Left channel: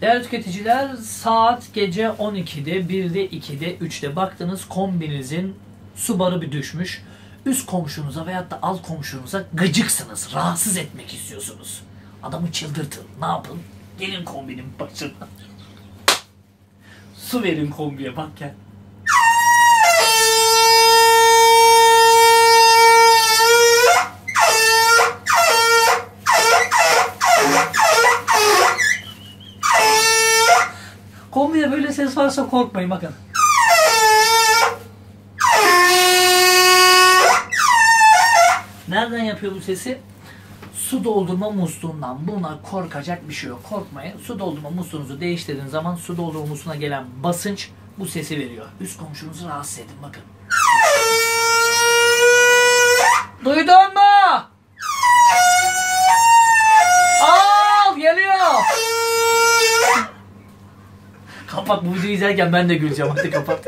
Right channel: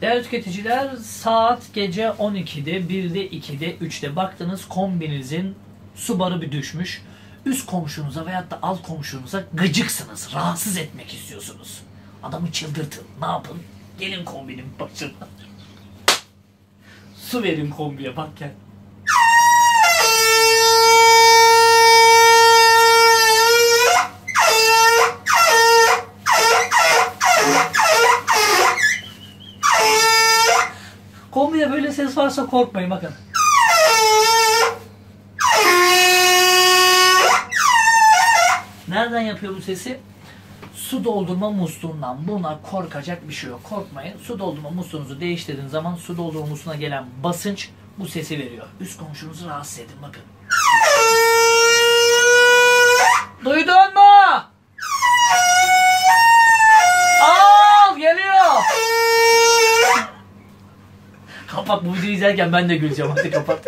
Değerli tüketiciler, saat gece 12'de, 1'de, 2'de, 3'te baktınız kombinizin su barı bir düşmüş. Üst komşunuza veyahut da alt komşunuza gıcıksınız, rahatsız etmek istiyorsunuz. Adamı çıldırtın, ne yapın? Gelin kombinin başına. Su verin kombiye, bak gel. Kombide böyle ses varsa korkmayın, bakın. Nereden yapıyor bu sesi? Su doldurma musluğundan. Buna korkacak bir şey yok. Korkmayın. Su doldurma musluğunuzu değiştirdiğiniz zaman su doldurma musluğuna gelen basınç bu sesi veriyor. Üst komşunuzu rahatsız edin, bakın. Duydun mu? Al, geliyor. Kapat, bu videoyu izlerken ben de güleceğim. Hadi kapat.